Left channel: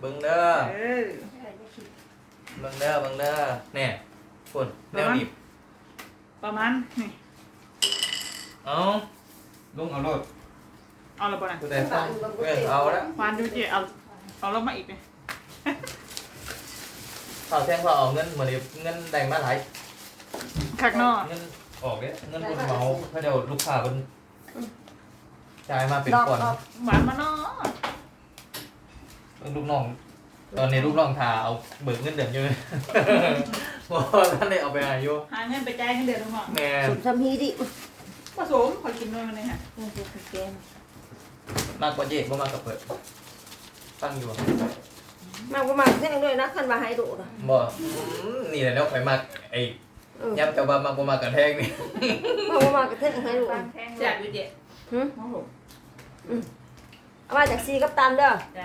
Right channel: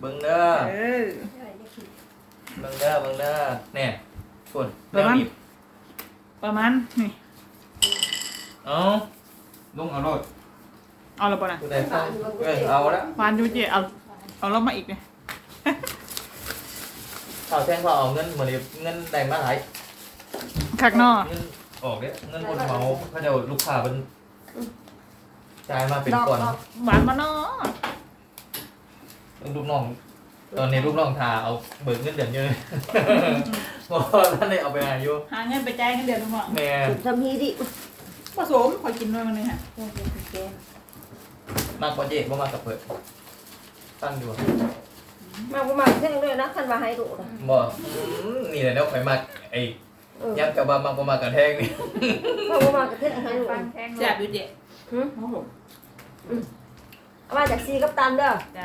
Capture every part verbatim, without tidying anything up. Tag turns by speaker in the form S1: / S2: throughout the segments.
S1: เบิ้งเด้อ
S2: เออ
S1: เบิ้งเด้อเบิ้งเด้อเนี่ยคนแนวดิบ
S2: ประมาณนี่
S1: เอา
S3: ลงเอารถ
S2: เอาละบ่นะ
S1: คุณนายตั้งเออเอาละ
S2: วานดูเจเอาเอารถมาอีกเลย
S1: ข่าวแจ้งข่าวเอาเงินเหมือนเงินแดงมาหลาย
S2: ขักนอก
S1: เงินออกเด้เงินคนเมาเพราะเดี๋ยวลูกค้าเป็นจ่ายมาเป็นก่อน
S2: หวานมาเนาะ
S1: ลูกน้องตอนนี้ลูกน้องทาเอาเบิกเงินเดือนเยอะเพราะท่านได้เอาไปอายุ
S2: หาเงินไปจ่ายเงินเดือนลุงหมอ
S1: แม่
S4: สุดทำฮีดิ
S2: ผสมคอยกินด้วยมันเลยฮะ
S4: เพื่อนเป็นแกง
S1: มากกว่าเจ๊บ่มากกับเปิดตั้งอยู่บ่
S4: มาประมาณแท่งด้วยนะท่านมาให้ดูนะ
S1: บ่อืมนี่แหละเนาะไปมากไอ้
S4: เออ
S1: ย้ำกับว่ามากบ่มากกับแทงนี่
S4: มาประมาณกระเทงให้ดู
S2: แซ่บดูเจ
S4: หืม
S2: โอ้โห
S4: เอามาจากซีกับตันเด้อ
S2: จ้า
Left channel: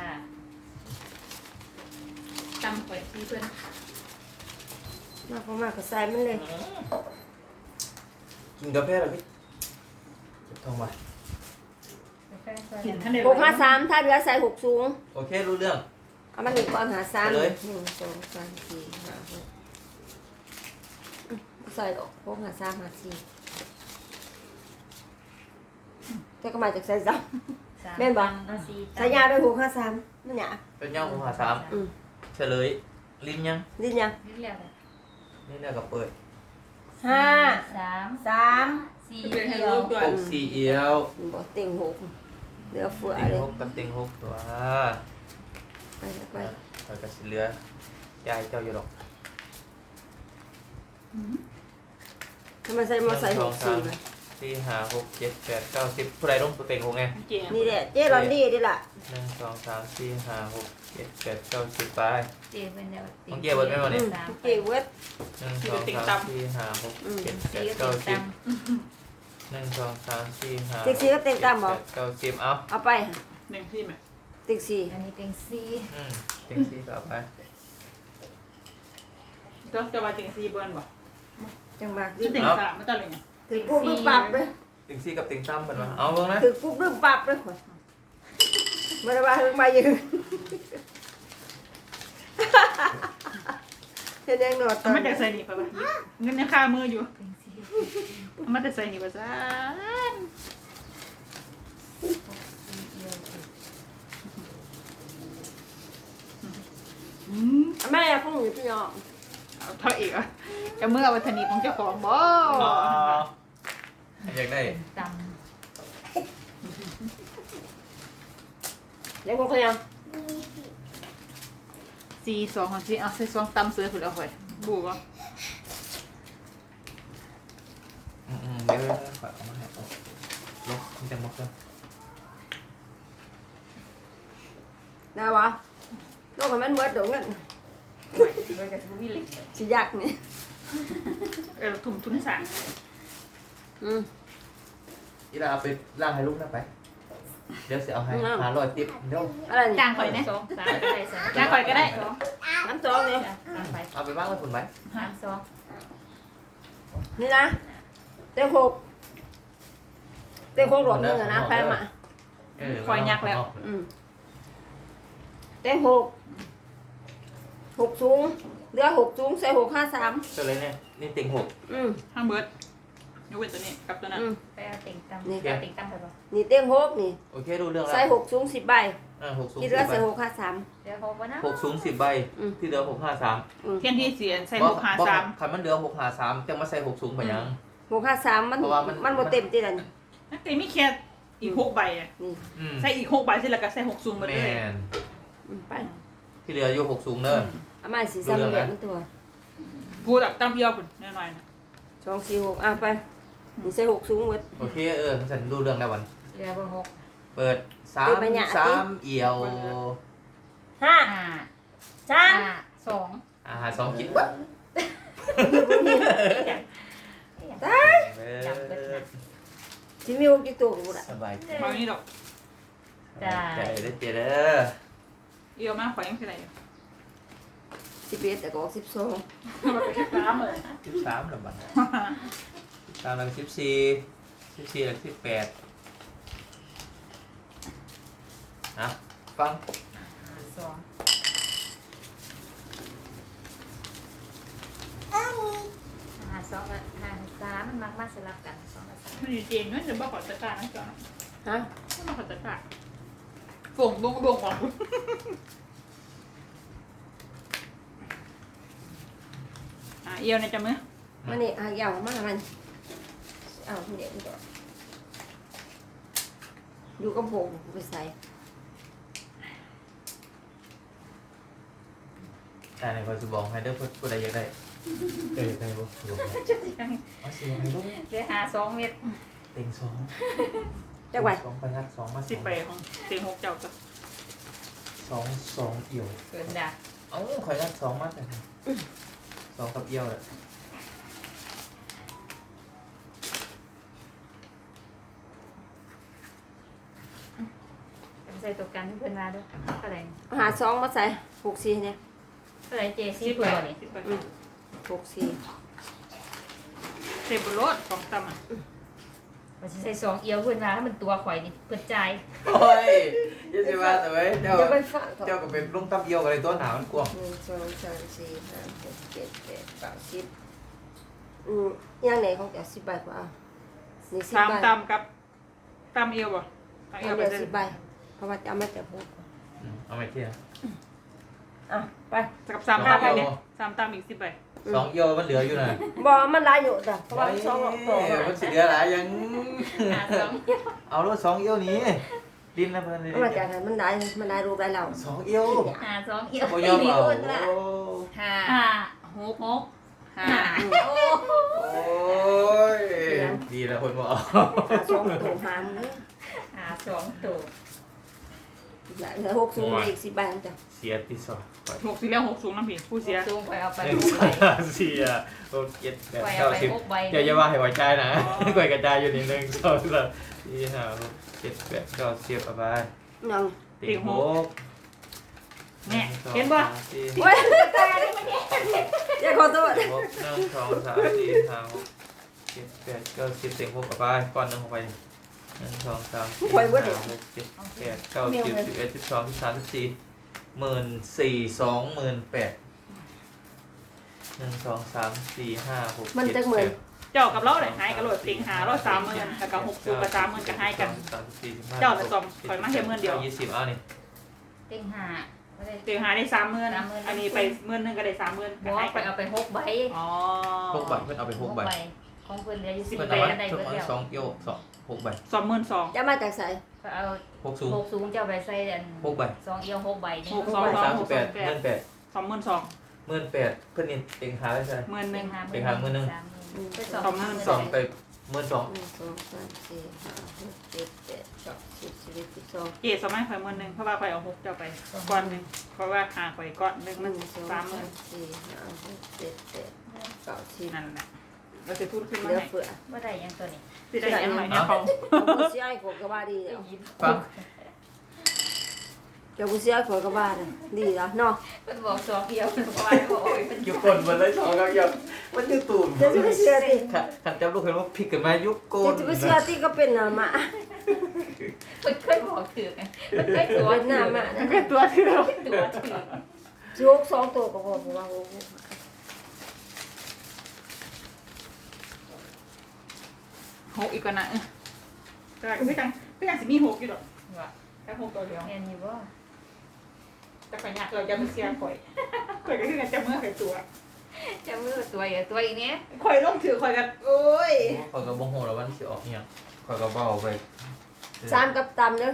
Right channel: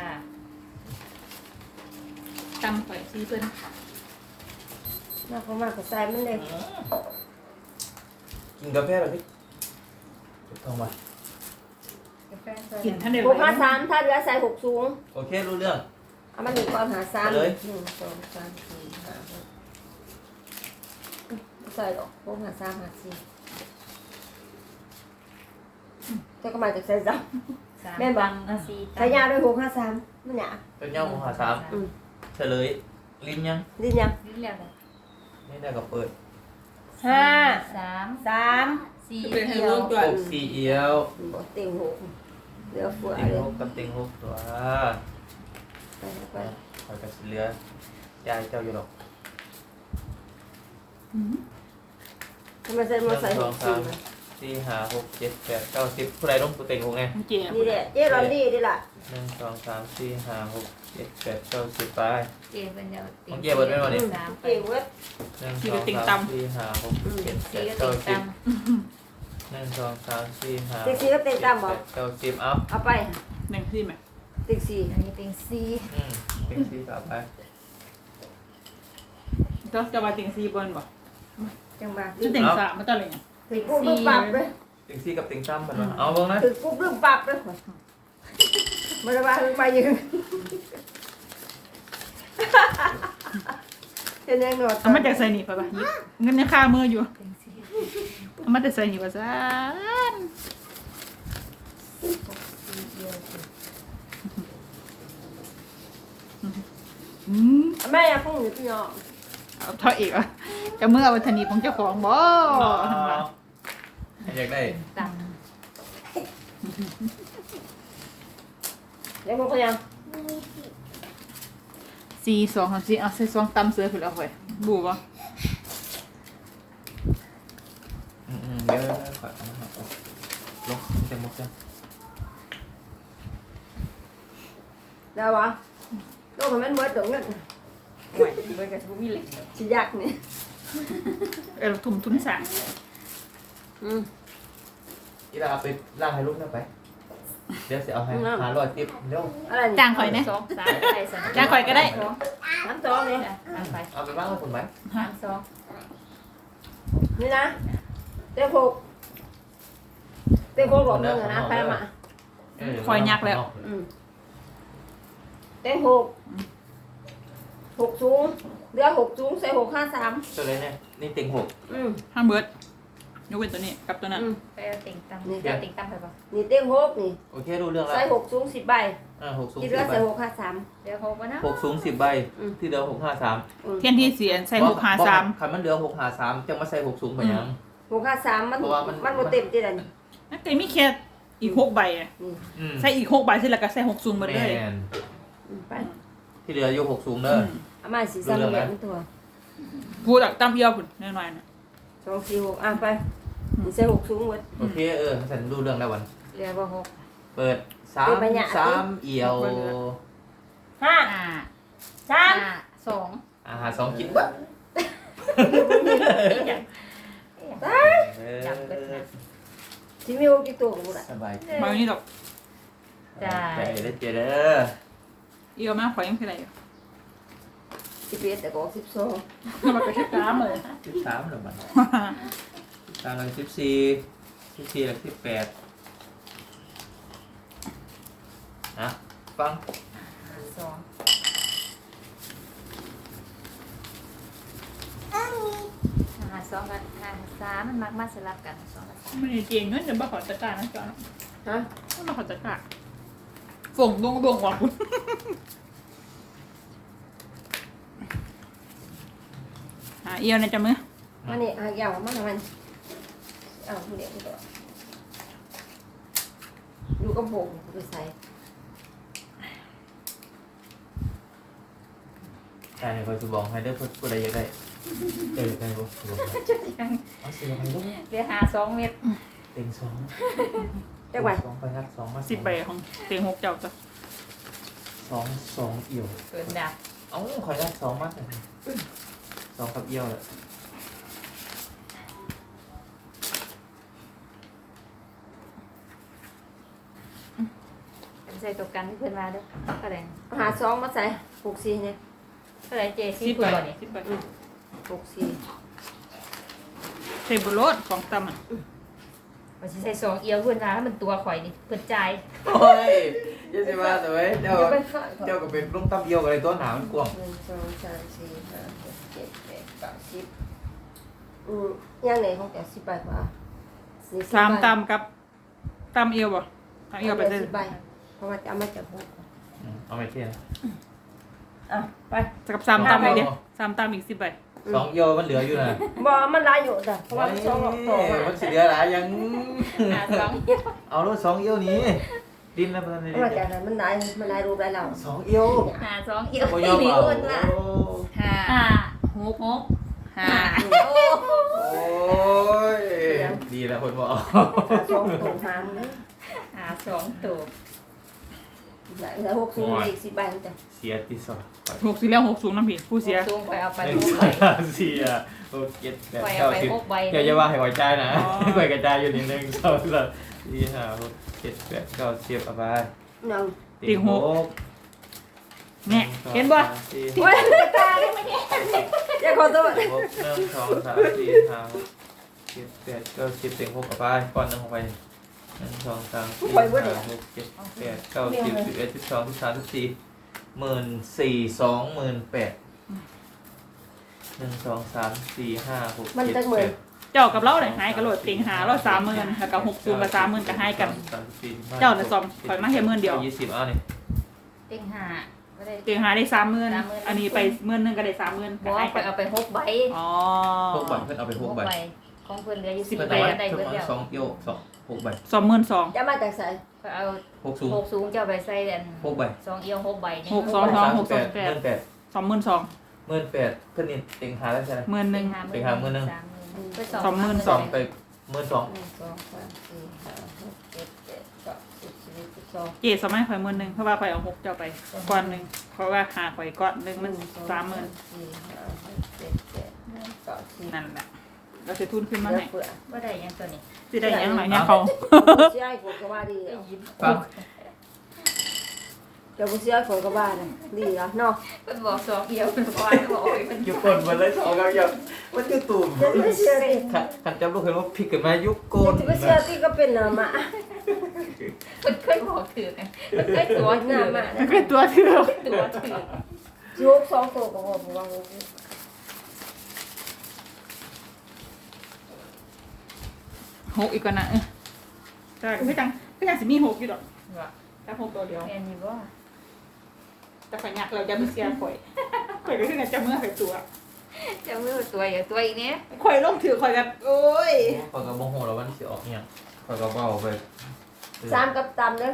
S2: จำไปซีเพิ่น
S4: มาประมาณกระใส่มันเลย
S1: กินกาแฟเลยพี่ทองมา
S2: กินท่านเดียว
S4: หกห้าสามถ้าเหลือใส่หกสูง
S1: โอเครู้เรื่อง
S4: เอามาหนึ่งตอนหาสาม
S1: เลย
S4: หนึ่งสองสามสี่ห้าหกใส่หรอกหกห้าสามห้าสี่แต่ก็มาจากใส่ซ้ำแม่นบอกใส่ยาไปหกห้าสามมันหยา
S1: เป็นย่างของหาสาม
S4: อืม
S1: เฉลยลิ้นยัง
S4: ดิ้นยัง
S5: นิดเดียวเลย
S1: นี่ได้กับเปิด
S4: ห้า
S5: สาม
S4: สาม
S5: สี่
S2: เป็นให้
S5: เดีย
S2: ลู
S5: ว
S2: กด้วย
S1: หกสี่เอียว
S4: บอกเต็งหกเหลือฝัว
S1: ติง
S4: เลย
S1: หกกับติงหกตัว
S4: ไปไป
S1: คอยกับสิเหลือยายเจ้าอยู่หรอก
S4: ทำไมใส่
S1: ห
S4: มา
S1: นึ่ง
S4: ใส่
S1: ส
S4: ห
S1: อง
S4: ก
S1: สา
S4: สี่
S1: มสี่ห้าหกเจ็ดแปดเก้าสิบผู้ใดลงตัวเต็งหกไง
S2: เจ
S4: นี่แหละเจ๊รอนดี้ดิล่ะ
S1: หนึ่งสองสามสี่ห้าหกเจ็ดแปดเก้าสิบไป
S5: เจ็บเป็นเดียว
S1: ของเจ๊เบิดไว้บ่เนี่ย
S5: สาม
S4: เก่งเว้ย
S1: หนึ่งสองสามสี่ห้าหกเจ็ดแป
S5: สี่
S1: ด
S5: ก็
S1: เก้า
S5: ติด
S1: สิ
S5: ตั
S1: บ
S5: ง
S1: หนึ่งสองสามสี่ห้า
S4: ติ๊กซี่ก็เต็งตามบอก
S1: เก้าสิบอัพ
S4: เอาไป
S2: หนึ่งที่ไหม
S4: ติ๊กซี่
S5: อันนี้เป็นสี่
S1: อืมเต็งสี่ต่อไป
S2: ก็จะมาติงซีบอลบ่
S4: จังหวะ
S2: ชุดติงสามไม่ต้องเลยเนี่ย
S4: ถือปุ๊บรึปรับเลย
S1: เต็งสี่กับเต็งสามเหมือนกันเอาลงนะ
S4: ถือปุ๊บรึปรับเลยไม่ได้ว่ามายืนเห็นยังหนวด
S2: เอามาแต่ใส่หนีบไปป่ะเงินยังคามืออยู่
S5: เป็นสี่
S2: เอามาแต่ใส่หนีบไปซะ
S5: สี่เดียวสิ
S2: อืม
S4: แม่ของหนูพี่น้อง
S2: เอาเท่าอีกอ่ะจะเมื่อวันธนีของเจ้าของบ่
S1: อยากได้
S5: ตัง
S4: เดี๋ยวผมก็ยัง
S2: สี่สองของสี่เอาใส่ซองตำเสือถูกเอาไว้บูบ่
S1: อืมๆเดี๋ยวขอเอามาให้ก่อนลงมันจะหมดแล้ว
S4: ได้วะก็มันหมดเดี๋ยวเงิน
S5: มันจะทุบเลย
S4: สิยากนี่
S2: เออถุงทุนสาม
S4: อืม
S1: อีลาเอาไปล่างให้ลูกนะไป เดี๋ยวเสียเอาให้หาร้อยติ๊บเดี๋ยว
S4: อะไรนี่
S2: จ้างข่อยเนี่ย
S5: สองสามไปสาม
S2: จ้างข่อยก็ได้
S4: น้ำจองนี่
S5: สามไป
S1: เอาไปบ้างแล้วคุณไหม
S5: สามสอง
S4: นี่นะเต็งหกเต็งหกหลงนึงอะนะแพ้มา
S1: เออ
S2: คอยยักแล้ว
S4: อืมเต็งหกหกสูงเหลือหกสูงใส่หกห้าสาม
S1: เจอเลยเนี่ยนี่ติงหก
S4: อืม
S2: ห้ามเบิร์ดยกเว้นตัวนี้กับตัวนั้น
S4: อืม
S5: ไปเอาติ่งตังไปเอาติ่งตังไปป่ะ
S4: นี่เต็งหกนี่
S1: โอเครู้เรื่องแล้ว
S4: ใส่หกสูงสิบใบ
S1: อ่าหกสูง
S4: ที่
S1: สิ
S4: เหลือบ
S1: ใบ
S4: ใส่หกห้าสาม
S5: เดี๋ยวเขาก็นะ
S1: หกสูงสิบใบ
S4: อืม
S1: ที่เหลือหกห้าสาม
S4: อืม
S2: เทียนที่เสียใส่หกหาสาม
S1: คันมันเหลือหกห้าสามจะมาใส่หกสูงไปยัง
S4: หกห้าสามมัน
S1: เพราะว่ามัน
S4: มันบ่เต็มที่นั่น
S2: นั่นแต่ไม่แค่อีกหกใบอ่ะ
S4: นี่
S1: อืม
S2: ใส่อีกหกใบเสร็จแล้วก็ใส่หกซุ่มหมด
S1: แม
S2: เลย
S1: น
S4: อืมไป
S1: ที่เหลืออยู่หกสูงเด้อ
S4: เอามาสีซ้ำแบบมันตัว
S2: พูดแบบตามเอียวคุณแน่นอนนะ
S4: สองสี่หกอ่ะไปนี่ใส่หกสูงหมด
S1: โอเคเออฉันรู้เรื่องแล้ววัน
S5: เรียกว่าหก
S1: เปิดสาม
S4: เปิดไปเนี่ย
S1: สามเอี่ยว
S4: ห้า
S5: ห้า
S4: สาม
S5: ห้าสอง
S1: อาหารสองกินวะ
S4: ตาย
S1: เอ
S5: จับเป็น
S1: อ
S5: นะ
S4: สิมีหกกี่ตัวหมดอ่ะ
S1: สบายใจ
S2: บางนี้ดอก
S1: ใจเด้อเจเด้อ
S2: เอียวมากข่อยยังคืออะไรอยู่
S4: สิบเอ็ดแต่ก็สิบสอง
S2: มันก็แค่กล้ามเลย
S1: สิบสามแล้วบัดตามหลังสิบสี่สิบสี่หลังสิบแปดนะฟัง
S5: ห้าสองมันมักมาสลับกันสองกับสาม
S2: ไม่ได้เจียงเงินจะบ่ขอจัดการนะจอน
S4: ฮะ
S2: ไม่มาขอจัดการส่งดวงดวงก่อนอ่ะเอียวในจับมือ
S4: วันนี้อ่ะยาวมากมันเอาเดี๋ยวก่อนอยู่กับผมไปใส่
S1: การในคอยสุบอกให้เด้อเพื่อผู้ใดอยากได้เออได้บ่สุบอกเอาเสียให้ลูก
S5: เดี๋ยวหาสองเม็ด
S1: เต็งสอง
S4: จังหวัด
S1: สองไปครับสองมา
S2: สิบใบของเตียงหกเจ้าจ้ะ
S1: สองสองเอี่ยว
S5: เกินดัก
S1: เอ้าคอยรักสองมากเลยสองกับเอี่ยวแหละ
S5: เป็นใส่ตัวกันที่เพิ่นมาด้วยเท่าไหร่
S4: หาซองมาใส่หกสี่เนี่ย
S5: เท่าไหร่เจ
S2: สิ
S5: ซี่
S2: บ
S5: เผื่
S2: ใบ
S5: อเนี่ย
S2: สิบใบ
S4: หกสี่
S2: เทบุโรสของตำอ่ะ
S5: มันสิใส่สองเอียวเพิ่นมาแล้วมันตัวข่อยนี่เพิ่นจ่าย
S1: โอ้ยยังจะมาแต่ไว้เจ้า
S4: เดี๋ยวเป็นฝรั่ง
S1: เจ้าก็เป็นลูกตั้มเอี่ยวอะไรตัวหนามันกว้าง
S4: หนึ่งสองสามสี่ห้าหกเจ็ดแปดเก้าสิบอืมย่างไหนของแกสิบใบเปล่าสี่สิบ
S2: สาม
S4: ใบ
S2: ตำกับตำเอียวบ่ตำเอียวไป
S4: เอา
S2: เต้น
S4: สิบใบเพราะว่าจะเอามาจากหก
S1: เอาไม่เที่ยง
S4: อ่ะไป
S2: กับสามตำไปเนี่ยสามตำอีกสิบใบ
S1: สองเอี่ยวมันเหลืออยู่นะ
S4: บอมันหลายอยู่แต่เพราะว่าสองออกต่อมา
S1: มันสิเหลือหลายยัง
S5: หาสองเอียว
S1: เอาลูกสองเอี่ยวนี้ดินนะมันนี่
S4: มันมาจากไหนมันหลายมันหลายรูปหลายเหล่า
S1: สองเอี่ยว
S5: หาสองเอียว
S1: บ่ยอมเอา
S5: โอนละ
S1: โอ้
S2: ห้า
S5: ห้า
S2: หก
S5: หก
S2: ห้า
S5: ห้าโอ้
S1: โอ้ยดีแล้วคนบอก
S4: หาสองตัวหามเลย
S5: หาสองตัว
S4: เหลือหกสูงเลยอีกสิบใบมันจะ
S1: เสียที่สอง
S2: หกสี่แล้วหกสูงน้ำผีผู้เสีย
S5: สูงไปเอาไป
S1: หนึ่ง
S5: หก
S1: ส
S5: ใบ
S1: องเสียหกเจ็ดแปด
S5: ไปเอา
S1: เก้า
S5: ไป
S1: สิบ
S5: หกใบ
S1: เดี๋ยวจะว่าให้หัวใจนะกวยกระจายอยู่นิดนึงสองสามสี่ห้าหกเจ็ดแปดเก้าสิบเอาไป
S4: หนึ่ง
S1: ติงหก
S2: เนี่ยเห็นบ่
S1: สี่
S4: โอ้ยตายได้ไหมเนี่ยอย่าขอโทษ
S1: หกหนึ่งสองสามสี่ห้าหกเจ็ดแปดเก้าสิบติงหกเอาไปก้อนหนึงเอาไปหนึ่งสองสามสี่ห้าหกเจ็ดแปดเก้าสิบสิบเอ็ดสิบสองสิบสามสิบสี่หมื่นสี่สองหมื่นแปดหนึ่งสองสามสี่ห้าหก
S4: มัน
S1: เจ็ด
S4: จะเหมือน
S2: เจ้ากับเราเลยหายกระโดดเตียงหาร้อยสามหมื่นแล้วก็หกสูงกับสามหมื่นก็หายกัน เจ้าน่ะสองข่อยมาแค่หมื่นเดียว
S1: ยี่สิบเอาเนี่ย
S5: เต็งห้าไม่ได้
S2: เตียงหาได้สามหมื่น
S5: สามหมื่น
S2: อันนี้ไปหมื่นหนึงก็ได้สามหมื่น
S5: บอกว่าไปเอาไปหกใบ
S2: อ๋อ
S1: หกใบเพื่อนเอาไปหกใบ
S5: ของเพิ่นเหลืออยู่
S1: สิ
S5: สี่
S1: บ
S5: ใบ
S1: ใบ
S5: ก็ได้
S1: ทุก
S5: เบิด
S1: คน
S5: แล้ว
S1: สองเอี่ยวสองหกใบ
S2: สองหมื่นสอง
S4: จะมาจากใส่
S5: ก็เอา
S1: หกสูง
S5: หกสูงเจ้าไปใส่อัน
S1: หกใบ
S5: สองเอียวหกใบนี่
S2: หกสอง
S1: ใบ
S2: สอ
S1: สาง ม
S2: ห
S1: สิ
S2: ก
S1: บแป
S2: สอ
S1: ด
S2: งแป
S1: เงิ
S2: ด
S1: นแปด
S2: สองหมื่นสอง
S1: หมื่นแปดเพื่อนนี่เต็งหาแล้วใช่ไหม
S2: หมื่นหนึ่ง
S1: ไปหามื้อหนึ่ง
S5: สามหมื่นไปสอง
S2: สองหมื่น
S1: สองไปหมื่นสอง
S4: หนึ่งสองสามสี่ห้าหกเจ็ดแปดเก้าสิบสิบเอ็ดสิบสอง
S2: เกศสมัยข่อยหมื่นหนึ่งเพราะว่าข่อยเอาหกเจ้าไปก้อนหนึ่งเพราะว่าหาข่อยก้อนหนึ่ง
S4: ห
S2: มัน
S4: นึ่งสอง
S2: สามหมื่น
S4: สี่ห้าหกเจ็ดแปดเก้าสิบ
S2: นั่นแหละเราจะทุนขึ้นมา
S4: เหลือ
S2: ไหน
S4: เฟือ
S5: ก็ได้ยังตัวนี้
S2: สิได้ยังไงเนี่ยเขา
S4: เสียไอ้ขวดกระบาดี
S5: ได้
S4: แล้ว
S5: ยิน
S1: ปั๊บ
S4: เดี๋ยวกูเสียไอ้ขวดกระบาเลยดีแล้วเนาะ
S5: เพิ่นบอกสองเอียวเพิ่นบอกให้บอกโอ้ยเพิ่น
S1: ยุกก้นมันเลยสองครับยังมันจะตูม
S4: เดี๋ยวจะไปเสียติ
S1: ขัดขัดจำลูกเห็นว่าผิดกันมายุกก้น
S4: เดี๋ยวจะไปเสียติก็เป็นหน้ามา
S5: เพิ่นเคยบอกถือไงเพิ่นเคยตัว
S4: ห
S5: ถื
S4: น้า
S5: อ
S4: มา
S2: แล้วก็ตัวเถื่อ
S5: ตัวถือ
S4: โยกสองตัวก็พอผมว่า
S2: หกอีกก่อนนะเออแต่พี่จังพี่จังสิมีหกอยู่ดอก
S5: ว่า
S2: แต่หกตัวเดียว
S5: แม่นอยู่บ่
S2: แต่ข่อยอยากเราจะไม่เสียข่อยข่อยก็คือจะเมื่อข่อยตัว
S5: จะมือตัวอย่าตัวอีกเนี้ย
S2: ข่อยลงถือข่อยกันโอ้ย
S1: คอยกับโมโหแล้ววันที่ออกเนี่ยคอยกับเบาไป
S4: สามกับตำเนาะ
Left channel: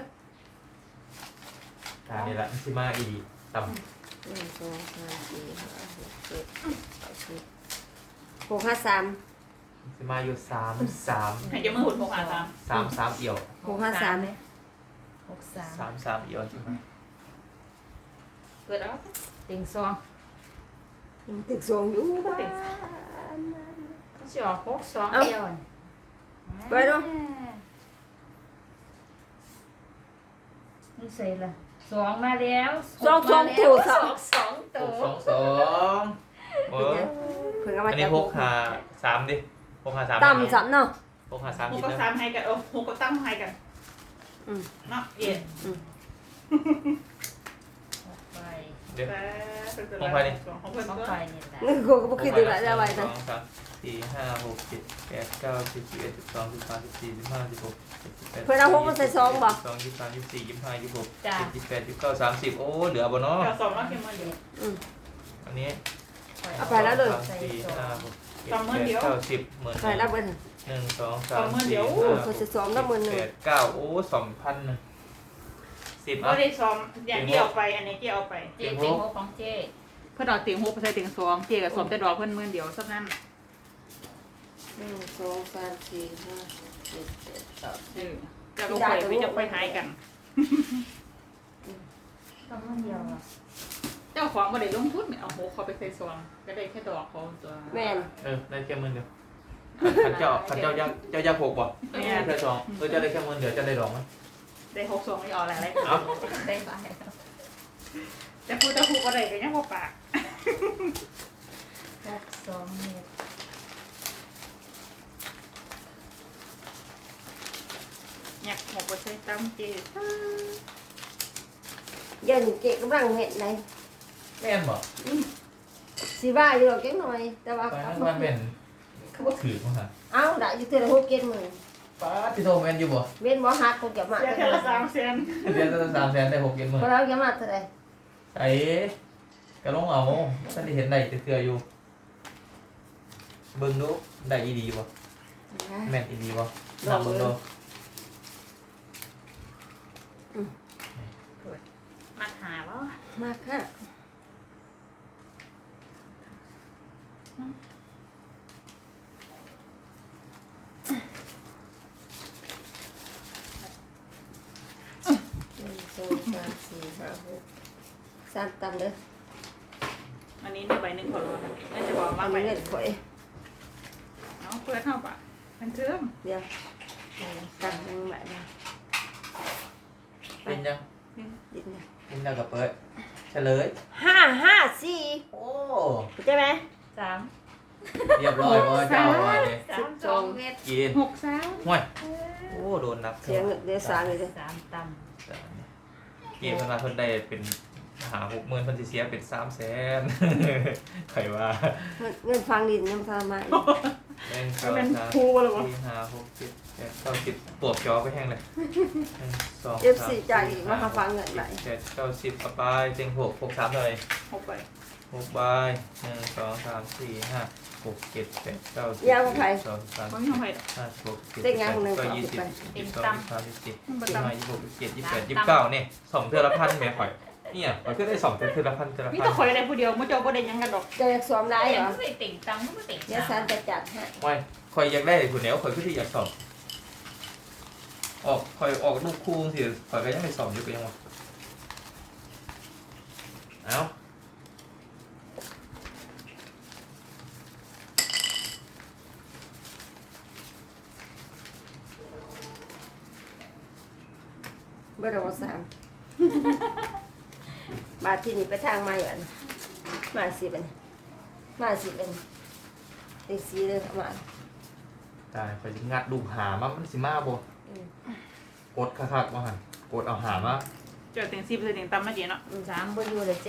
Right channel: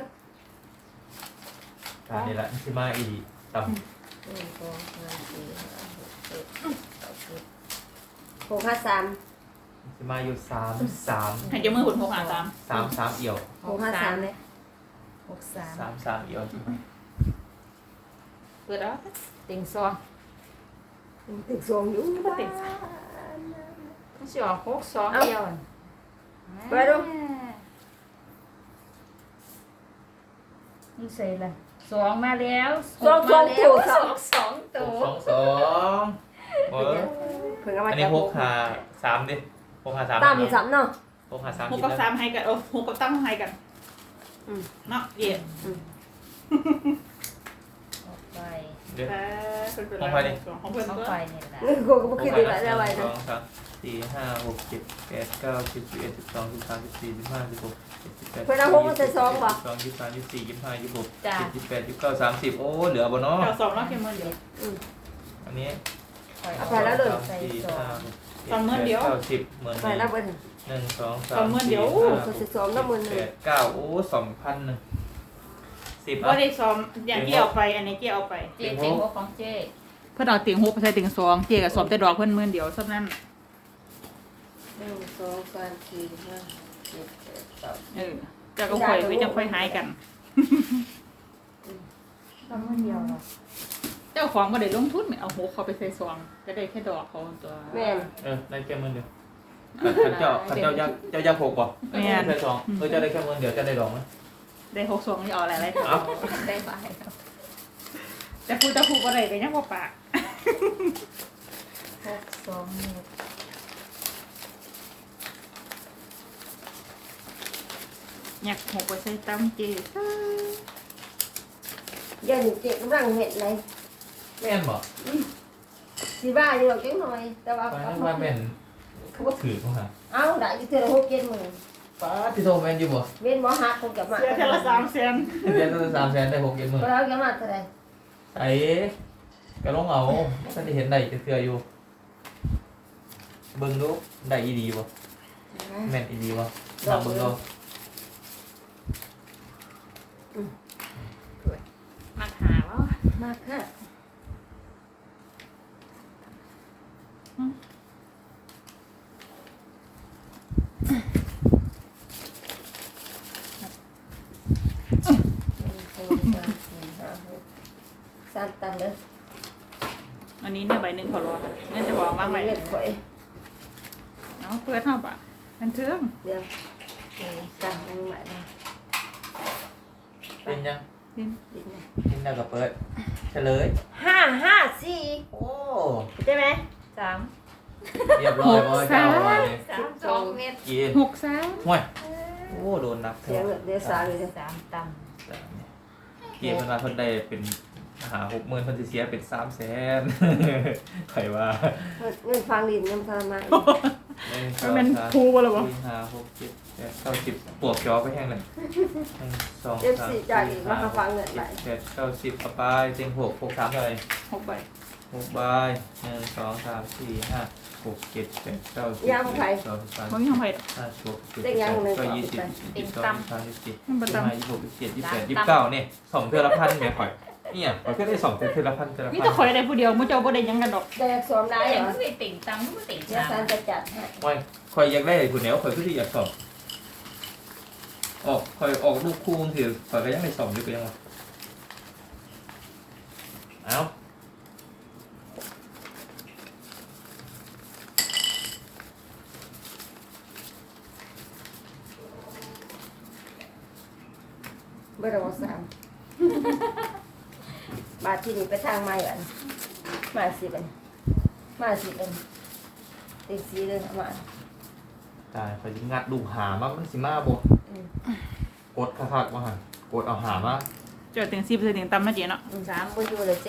S1: การนี่แหละที่มาอีต่ำ
S4: หนึ่งสองสามสี่ห้าหกเจ็ดแปดเก้าสิบหกห้าสาม
S1: ที่มาอยู่สามสาม
S2: ให้จะเมื่อหุ่นหกหาสาม
S1: สามสามเอี่ยว
S5: หกห้าสามเลยหกสาม
S1: สามสามเอี่ยวใช่ไหม
S2: เปิดแล้ว
S5: ติงซอง
S4: ติดสองอยู่
S2: ติด
S5: มันสิออกหกสองเอียว
S4: ไปดู
S5: นี่ใส่ละสองมาแล้ว
S4: สองสองตัว
S5: ส
S4: ส
S5: อ
S4: อง
S5: งสอง
S1: ห
S5: ตัว
S1: กสองสองเออ
S4: เพิ่งเอามา
S1: อัน
S4: จา
S1: นี้
S4: ก
S1: หกหาสามดิหกหาสาม
S4: ตำสามเนาะ
S1: หกหาสาม
S2: หก
S1: อีก
S2: กับ
S1: แล้ว
S2: สามให้กันโอ้หกกับตั้งให้กัน
S4: อืม
S2: เนาะเอ็ด
S5: ไป
S1: เดี๋ยว
S2: แต่เป็น
S1: ของใครดิ
S2: ของเพื่อน
S5: ต้อง
S2: ก็
S5: ไปนี่แหละ
S4: นี่กูก็บ่คิดดูแลแล้วไว้
S1: ส
S4: นะ
S1: องสามสี่ห้าหกเจ็ดแปดเก้าสิบสิบเอ็ดสิบสองสิบสามสิบสี่สิบห้าสิบหกสิบเจ็ดสิบแปด
S4: เพื่อนเอาหกมาใส่ซองบ่
S1: สองยี่สิบสามยี่สิบสี่ยี่สิบห้ายี่สิบหก
S5: จ้ะ
S1: ยี่สิบแปดยี่สิบเก้าสามสิบโอ้เหลือบ่เนาะ
S2: เก้าสองแล้วเข็มมันเดียว
S4: อืม
S1: อันนี้
S4: เอาไปแล้วเลย
S1: สามสี่ห้าหก
S2: สองหมื่นเดียว
S1: เก้าสิบหมื่น
S4: ไปแล้วเบิ้ล
S1: หนึ่งสองสา
S2: สอ
S1: ม
S2: งหมื่นเดี
S1: สี่
S2: ยว
S1: ห้า
S4: ก็สิสองแล้วหมื่นหนึ่ง
S1: แปดเก้าโอ้สองพันหนึ่งสิบ
S2: ก็
S1: อ่ะ
S2: ได้ซ้อมอย่างที่เอาไปอันนี้ที่เอาไป
S5: เจ๊เจ๊หัวของเจ๊
S2: เพื่อนเอาติ่งหกไปใส่ติ่งสองเจ๊กับสมแต่ดอกเพื่อนหมื่นเดียวเท่านั้น
S4: หนึ่งสองสามสี่ห้าหกเจ็ดแปด
S2: เออจะก็ค่อยไปจะค่อยหายกัน
S5: ตอนมันเดียวอ่ะ
S2: เจ้าของก็ได้ลงทุนเอาหกเขาไปใส่ซองก็ได้แค่ดอกเขาตัว
S4: แม่น
S1: เออได้แค่หมื่นเดียวขันเจ้าขันเจ้าย่างเจ้าย่างหกป่ะ
S2: แม่
S1: แค่สองเออเจ้าได้แค่หมื่นเดียวเจ้าได้ดอกไหม
S2: ได้หกซองนี่เอาอะไรอะไร
S1: เอา
S5: ได้บายแล้ว
S2: แต่พูดแต่พูดอะไรก็ยังบ่ปาก
S5: หกสองหนึ่ง
S2: อยากหกไปใส่ตั้มเจ๊
S4: เย็นเจ๊กำลังเห็ดไหน
S1: แม่นบ่
S4: สีบ้าอยู่หรอกจังหน่อย แต่ว่า
S1: ป้าว่าเป็นเขาก็ถือเข้ามา
S4: เอ้าได้อยู่เท่าไหร่หกเจ็ดหมื่น
S1: ป้าที่โทรแมนอยู่บ่
S4: เว้นหมอหักคงจะมา
S2: เสียแค่ละสามแสน
S1: เดือนละสามแสนได้หกเจ็ดหมื่น
S4: ก็แล้วจะมาเท่าไหร่
S1: ไอ้กระลงเอาฉันจะเห็นได้จะเตืออยู่เบิ่งดูได้อีดีบ่แม่นอีดีบ่นำเบิ่งดู
S2: มาหาว่า
S4: มาค่ะหนึ่งสองสามสี่ห้าหกสามตันเลย
S2: อันนี้เนี่ยใบหนึ่งขอรองั้นจะบอกว่า
S4: เอา
S2: ใบ
S4: ไป
S2: ห
S4: เล่
S2: นึ่
S4: น
S2: ง
S4: ข่อย
S2: เอาเพื่อเท่าปะมันเทิม
S4: เดี๋ยวหนึ่งสามหนึ่งใหม่นะ
S1: เป็นยัง
S4: ดินนะ
S1: กินแล้วก็เปิดเฉลย
S4: ห้าห้าสี่
S1: โอ้
S4: ใช่ไหม
S5: สาม
S1: เรียบร้อยบ่เจ้าว่าเนี่ย
S5: สามสองเม็ด
S1: กิน
S2: หกสาม
S1: ห่วยโอ้โดนนัก
S4: เสียงเดี๋ยวสามเลย
S5: สามต่
S1: กินเวลาเพิ่นได้เป็นหาหกหมื่นเพิ่นสิเสียเป็นสามแสนใครว่า
S4: เงินฟังดินยังฟังมา
S1: หนึ่งส
S2: มั
S1: อน ง
S2: เป็น
S1: สาม
S2: ครูหรอวะ
S1: สี่ห้าหกเจ็ดแปดเก้าสิบปวกจอไปแห้งเลยหนึ่งสอง
S4: เอฟ
S1: สาม
S4: ซี
S1: สี่
S4: จ่ายอีก
S1: ห้า
S4: มาฟังเงินไหล
S1: แปดเก้าสิบเอาไปเต็งหกหกสามเลย
S2: หกใบ
S1: หกใบหนึ่งสองสามสี่ห้าหกเจ็ดแปดเก้าสิบ
S4: ยาวของใคร
S1: สองสาม
S2: มันมีของใคร
S1: ห้าหกเจ็ด
S4: เต็งยังหนึ่ง
S1: ก็
S4: สอง
S1: ยี่
S4: สิ
S1: สิ
S4: บบ ไป
S1: ยี่สิบสองยี่สิบสามยี่สิบสี่
S2: มันประ
S1: ยี่สิบ
S2: จำ
S1: ห้ายี่สิบหกยี่สิบเจ็ดยี่สิบแปดยี่สิบเก้าเนี่ยสองเทือละพันเนี่ยข่อยเนี่ยข่อยก็ได้สองเทือละพันเทือละ
S2: นี่
S1: พั
S2: ถ้าน คอยอะไรผู้เดียวมุ่งเจ้าบ่ได้ยังกันดอก
S4: จะอยากซ้อม
S5: ำ
S4: ได้
S5: ได้
S4: เหร
S5: มั
S4: อน
S5: ไม่ติ่งตังค์มันติ่ง
S4: เดี๋ยว
S5: ช้า
S4: ซันจะจัดให้
S1: ไม่ข่อยอยากได้คุณแนวข่อยก็ที่อยากสอบออกข่อยออกลูกคู่ถือข่อยก็ยังไม่สอบอยู่ก็ยังวะเอา
S4: เมื่อเราสามบาทที่นี่ไปทางไม่อันมาสิเป็นมาสิเป็นตีสีเลยมา
S1: ตายข่อยสิงัดดูหามามันสิมาบ่
S4: อืม
S1: กดคักๆมาหันกดเอาหามา
S2: เจอถึงสิบเจอถึงตั้มมาเจ๊เนาะ
S5: สามบนอยู่เลยเจ๊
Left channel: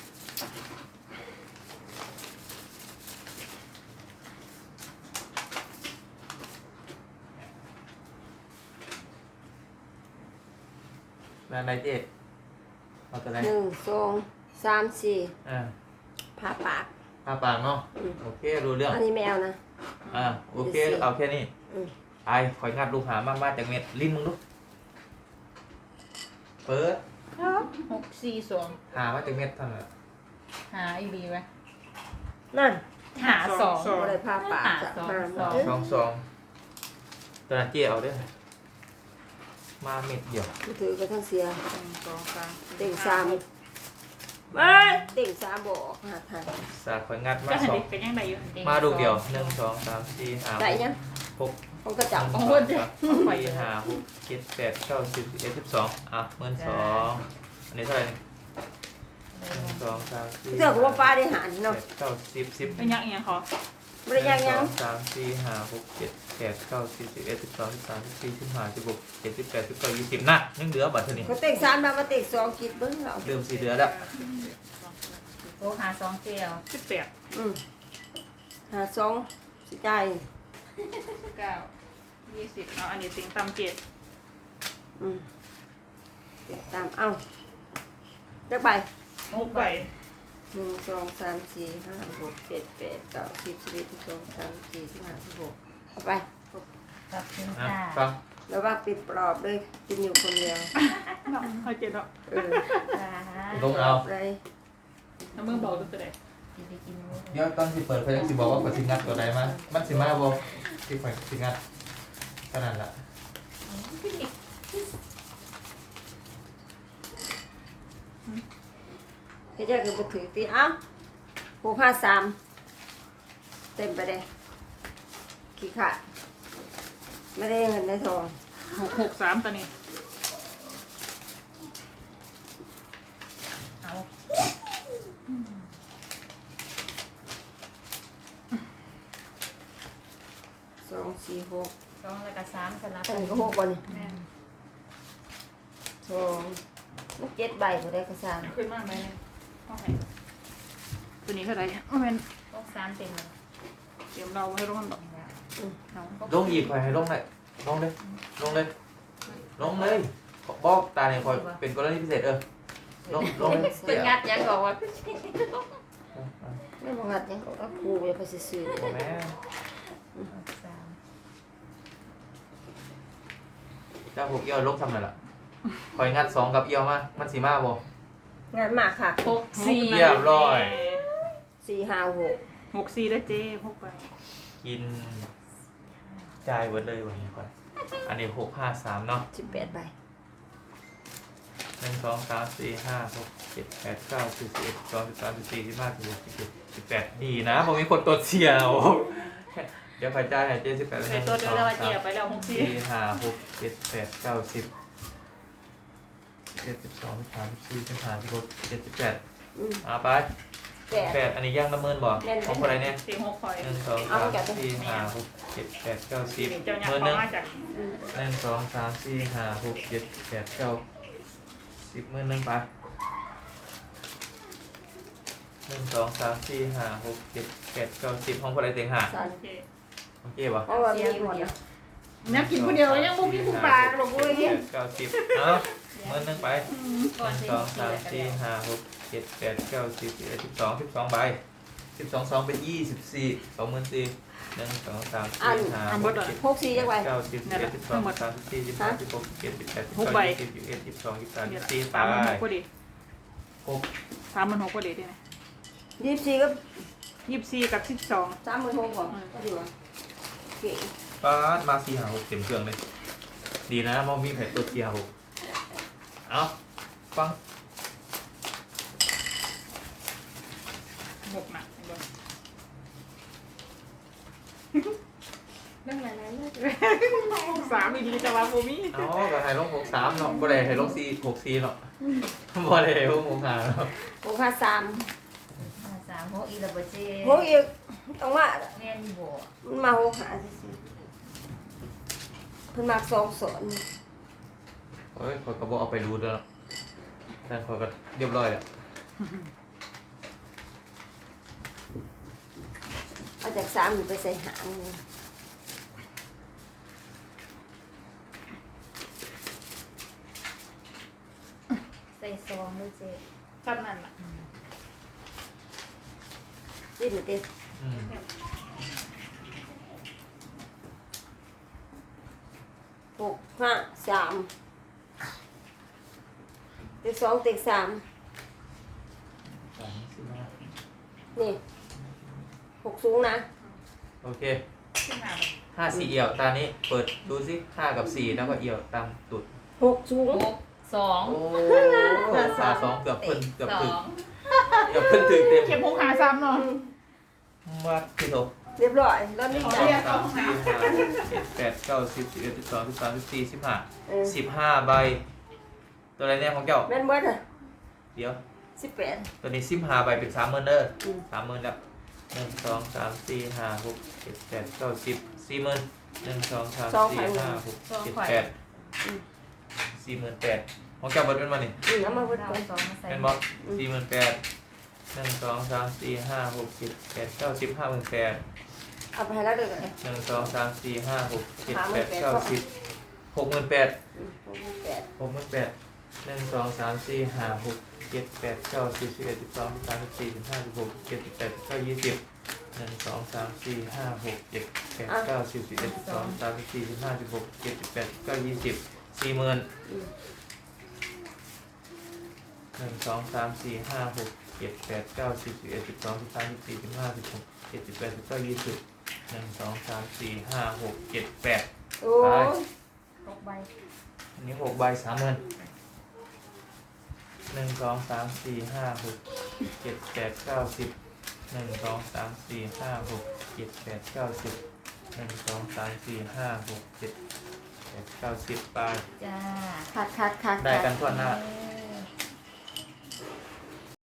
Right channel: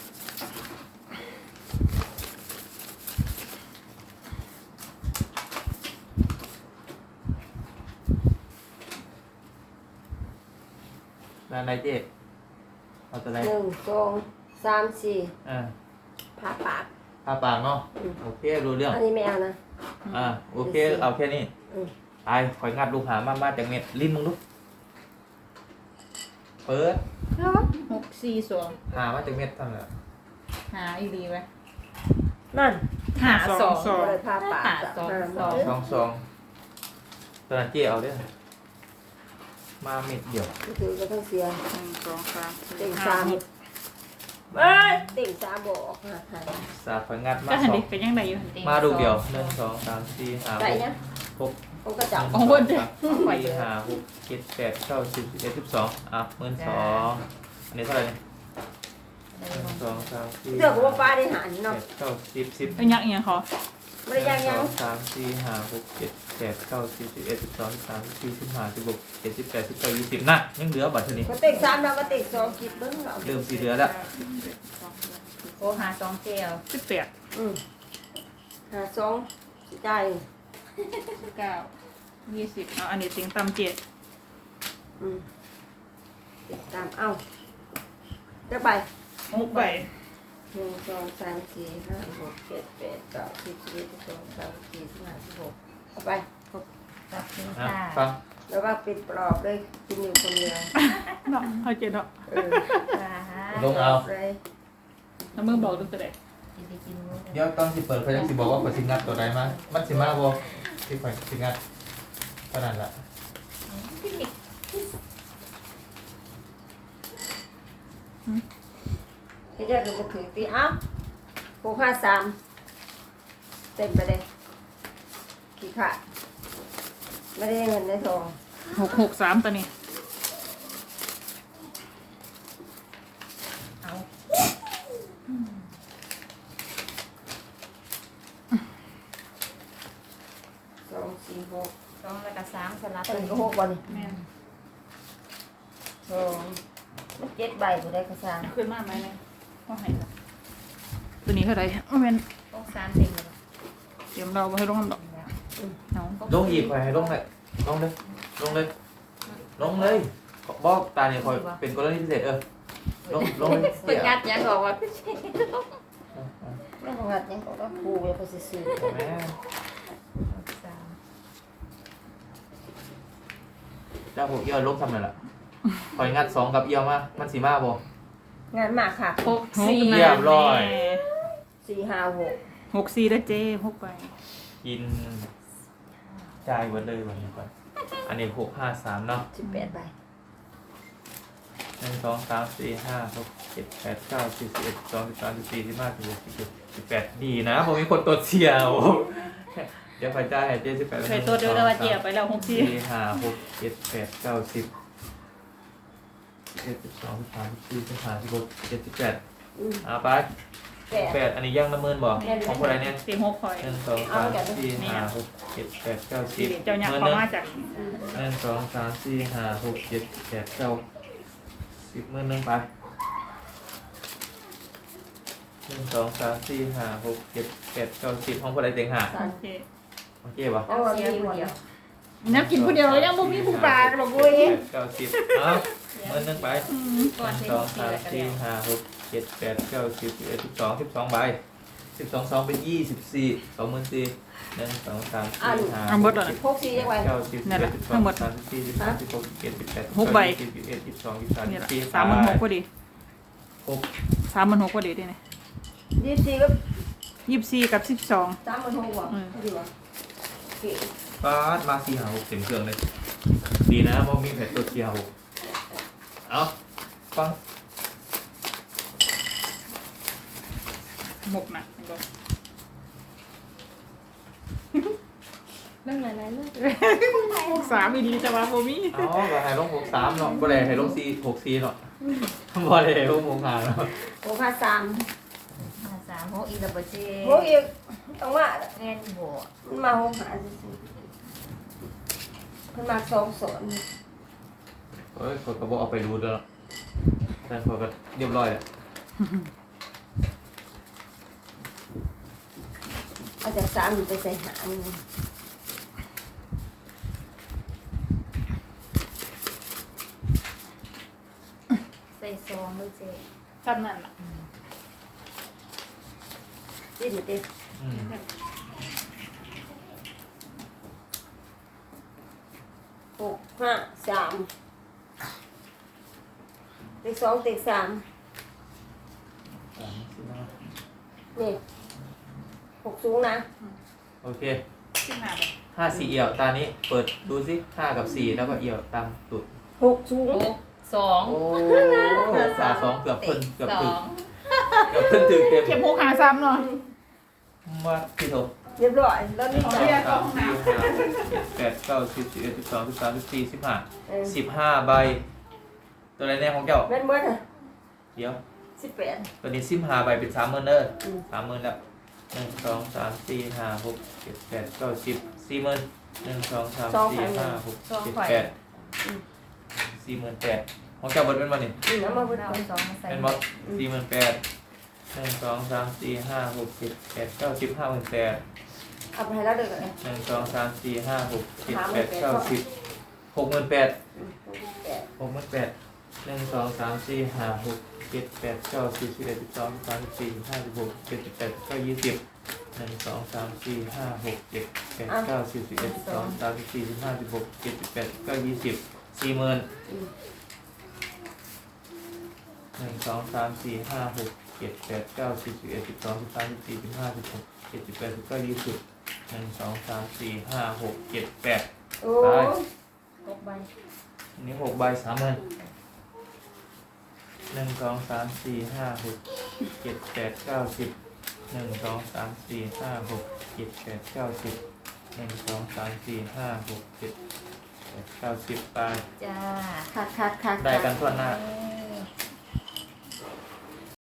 S1: งานใดเจ๊เอาตัวใด
S4: หนึ่งสองสามสี่
S1: อ่า
S4: ผ่าปาก
S1: ทาปากเนาะ
S4: อืม
S1: โอเครู้เรื่อง
S4: อันนี้ไม่เอานะ
S1: อ่าโอเคเอาแค่นี้
S4: อืม
S1: ไปข่อยงัดดูหามามาจากเม็ดลิ้นมึงดูเปิด
S5: หกสี่สอง
S1: หามาจากเม็ดทำไมอะ
S5: หาอีดีไหม
S4: นั่น
S5: หาสอง
S4: เลยผ่าปาก
S5: ผ่าสอง
S4: หา
S5: สอง
S1: สองสองตอนนั้นเจ๊เอาเด้วยมาเม็ดเดียว
S4: ถือก็ต้องเสีย
S2: หนึ่งสองสาม
S4: เต็งสามเอ้ยเต็งสามบอกหาไทย
S1: สาข่อยงัดมา
S2: ก็หัน
S1: สอ
S2: ดิ
S1: ง
S2: เป็นยังไงอยู่
S1: มาดูเดียวหนึ่งสองสามสี่ห้า
S4: อะไร
S1: หก
S4: เนี่ย
S1: หก
S4: มันก็จับ
S1: หนึ่งสองสามสี่ห้าหกเจ็ดแปดเก้าสิบสิบเอ็ดสิบสองอ่ะหมื่นสองอันนี้เท่าไหร่หนึ่งสองสามสี่
S4: เรื่องว่าปลาได้หานี่
S1: แป
S4: เนาะ
S1: ดเก้าสิบสิบ
S2: เป็นยังยังเขา
S4: ไม่ได้ยังยัง
S1: สองสามสี่ห้าหกเจ็ดแปดเก้าสิบสิบเอ็ดสิบสองสิบสามสิบสี่สิบห้าสิบหกเจ็ดสิบแปดสิบเก้ายี่สิบนะยังเหลือบัตรเท่านี้
S4: มาเต็งสามแล้วมาเต็งสองคิดเบิ้งเรา
S1: เริ่มสี่เหลือแล้ว
S5: โอ้หาสองเจล
S2: สิบแปด
S4: อืมหาสองสิจ่าย
S2: เก้ายี่สิบเอาอันนี้เต็งต่ำเจ็ด
S4: อืมเก็บตามเอ้าจะไป
S2: หกใบ
S4: หนึ่งสองสามสี่ห้าหกเจ็ดแปดเก้าสิบสิบเอ็ดสิบสองสามสี่สิบห้าสิบหกเอาไป
S5: กับสิง
S1: อ่ะ
S5: ค่ะ
S1: ฟัง
S4: แล้วว่าปิดปลอบเลยกินอยู่คนเดียว
S2: เอาเจ็ดดอก
S4: เออ
S1: ลงเอา
S4: เลย
S2: แล้วมึงบอกดูตัวไหน
S5: กินไปกินนู้น
S1: เดี๋ยวตอนสิเปิดเขาจะสิบอกว่าเปิดสิงัดตัวใดมามันสิมาบ่ที่ข่อยสิงัดขนาดละ
S4: ที่เรียกเราถือตีเอ้าหกห้าสามเต็มไปเลยขี้ขาดไม่ได้เงินได้ทอง
S2: หกหกสามตัวนี้
S5: เอา
S4: สองสี่หก
S5: สองแล้วก็สามสลับ
S4: ตั้งก็หกวันนี่
S2: แม่น
S4: สองมันเจ็ดใบก็ได้กระซาน
S2: ขึ้นมากไหมเนี่ยห้องไหนตัวนี้เท่าไหร่โอ้แม่น
S5: ต้องสามเต็มเลย
S2: เตรียมเราไว้ให้ลงดอกเอา
S1: ลงอีกข่อยให้ลงเลยลงเลยลงเลยลงเลยบอกตาเนี่ยข่อยเป็นกรณีพิเศษเออลงลงเลย
S5: เปิดงัดยังบอกว่า
S4: ไม่ต้องหัดยังก็ครูเดี๋ยวเขาจะซื้อ
S1: โอ้แม่
S5: สาม
S1: เจ้าหกเอี้ยวลงทำนั่นล่ะข่อยงัดสองกับเอี้ยวมามันสีมาบ่
S4: งานมากค่ะ
S2: หกสี่
S1: เรียบร้อย
S4: สี่ห้าหก
S2: หกสี่แล้วเจ๊หกใบ
S1: กินจ่ายหมดเลยวันนี้ก่อนอันนี้หกห้าสามเนาะ
S4: สิบแปดใบ
S1: หนึ่งสองสามสี่ห้าหกเจ็ดแปดเก้าสิบสิบเอ็ดสิบสองสิบสามสิบสี่สิบห้าสิบหกสิบเจ็ดสิบแปดดีนะผมมีคนตดเสียว เดี๋ยวใครจ่ายให้เจ๊สิบแปด
S2: เคยตัวเดียวแล้วว่าเจ๊ไปแล้วหกสี่
S1: สี่ห้าหกเจ็ดแปดเก้าสิบเจ็ดสิบสองสิบสามสิบสี่สิบห้าสิบหกเจ็ดสิบแปด
S4: อืม
S1: อ่าไป
S4: แปด
S1: แปดอันนี้ย่างน้ำเมินบ่ของคนไหนเนี่ย
S2: เต็งหกคอย
S1: หนึ่งสองสามสี่ห้าหกเจ็ดแปดเก้าสิบ
S2: เจ้ายัก
S1: เมิน
S2: ษ์
S1: หนึ่ง
S2: มาจาก
S1: หนึ่งสองสามสี่ห้าหกเจ็ดแปดเก้าสิบเมินหนึ่งไปหนึ่งสองสามสี่ห้าหกเจ็ดแปดเก้าสิบห้องคนไหนเต็งห้า
S2: โอเค
S1: โอเคป่ะ
S4: เอาวันนี้หมดแล้ว
S2: นับกินคนเดียวยังบ่มีผู้ปากหรอกเลย
S1: เก้าสิบเอาเมินหนึ่งไปหนึ่งสองสามสี่ห้าหกเจ็ดแปดเก้าสิบสิบเอ็ดสิบสองสิบสองใบสิบสองสองเป็นยี่สิบสี่สองหมื่นสี่หนึ่งสองสามสี่ห้าหกเจ็ด
S4: หกสี่ยังไง
S1: เก้าสิบสิบเอ็ดสิบสองสิบสามสิบสี่สิบห้าสิบหกสิบเจ็ดสิบแปดสิบเก้ายี่สิบสิบเอ็ดสิบสองสิบสาม
S2: นี่
S1: สิบ
S2: แหละ
S1: สี่
S2: สามหมันหกพอดี
S1: หก
S2: สามหมันหกพอดีด้วยนะ
S4: ยี่สิบสี่ก็
S2: ยี่สิบสี่กับสิบสอง
S4: สามหมื่นหกก่อนก็ดีวะเก่ง
S1: ป้าดมาสี่หาหกเต็มเครื่องเลยดีนะมองมีแผ่นตัวเกียร์หกเอาฟัง
S2: หกนะเห็นบ่
S4: นั่งไหนไหนเลย
S2: สามอีดีแต่ว่าโบมี่
S1: เอาก็ให้ลงหกสามเนาะบ่ได้ให้ลงสี่หกสี่เนาะบ่ได้ให้ลงหกห้าเนาะ
S4: หกห้าสาม
S5: ห้าสามหกอีกแล้วบ่เจ๊
S4: หกอีกต้องว่า
S5: แม่นบ่
S4: มันมาหกหาขึ้นมาสองสอน
S1: เฮ้ยคนก็บอกเอาไปรู้ด้วยเนาะแต่คนก็เรียบร้อยอ่ะ
S4: มาจากสามอยู่ไปใส่หาง
S5: ใส่ซองเลยเจ๊
S2: สั้นนั่นล่ะ
S4: ดิ้นติด
S1: อืม
S4: หกห้าสามติดสองติดสาม
S1: สามสี่ห้า
S4: นี่หกสูงนะ
S1: โอเค
S2: ขึ้นมาแบบ
S1: ห้าสี่เอี่ยวตานี้เปิดดูสิห้ากับสี่แล้วก็เอี่ยวตามตุด
S4: หกสูง
S5: หกสอง
S1: โอ้สาสองเกือบเพิ่นเกือบ
S5: ส
S1: ถึ
S5: อง ง
S1: เกือบเพิ่นถึงเต็ม
S2: เข็มหกหาซ้ำเนาะ
S1: มาที่โถ
S4: เรียบร้อยแล้วนี่
S1: สองสามสี่ห้าหกเจ็ดแปดเก้าสิบสิบเอ็ดสิบสองสิบสามสิบสี่สิบห้า
S4: เออ
S1: สิบห้าใบ ตัวอะไรแน่ของเจ้า
S4: แม่นเมื่อไหร่
S1: เดี๋ยว
S4: สิบแปด
S1: ตัวนี้สิบห้าใบเป็นสามหมื่นเด้อ
S4: อืม
S1: สามหมื่นแล้วหนึ่งสองสามสี่ห้าหกเจ็ดแปดเก้าสิบสี่หมื่นหนึ่งสองสามสี่ห้าหกเจ็ดแปดสี่หมื่นแปดของเจ้าเบิดเป็นวันนี้
S4: นี่น้ำมาเพิ่ม
S5: เอาสองมาใส่
S1: เป็นบ่สี่หมื่นแปดหนึ่งสองสามสี่ห้าหกเจ็ดแปดเก้าสิบห้าหมื่นแปด
S4: เอาไปให้แล้วเด้อ
S1: หนึ่งสองสามสี่ห้าหกเจ็ดแปดเก้าสิบหกหมื่นแปด
S4: อืมแปด
S1: หกหมื่นแปดหนึ่งสองสามสี่ห้าหกเจ็ดแปดเก้าสิบสิบเอ็ดสิบสองสิบสามสิบสี่สิบห้าสิบหกสิบเจ็ดสิบแปดสิบเก้ายี่สิบหนึ่งสองสามสี่ห้าหกเจ็ดแปดเก้าสิบสิบเอ็ดสิบสองสิบสามสิบสี่สิบห้าสิบหกสิบเจ็ดสิบแปดสิบเก้ายี่สิบสี่หมื่น
S4: อืม
S1: หนึ่งสองสามสี่ห้าหกเจ็ดแปดเก้าสิบสิบเอ็ดสิบสองสิบสามสิบสี่สิบห้าสิบหกเจ็ดสิบแปดสิบเก้ายี่สิบหนึ่งสองสามสี่ห้าหกเจ็ดแปด
S4: โอ้ย
S5: หกใบ
S1: อันนี้หกใบสามหมื่นหนึ่งสองสามสี่ห้าหกเจ็ดแปดเก้าสิบหนึ่งสองสามสี่ห้าหกเจ็ดแปดเก้าสิบหนึ่งสองสามสี่ห้าหกเจ็ดแปดเก้าสิบไป
S5: จ้า
S4: คักคักคัก
S1: ได้กันทั่วหน้า
S5: เออ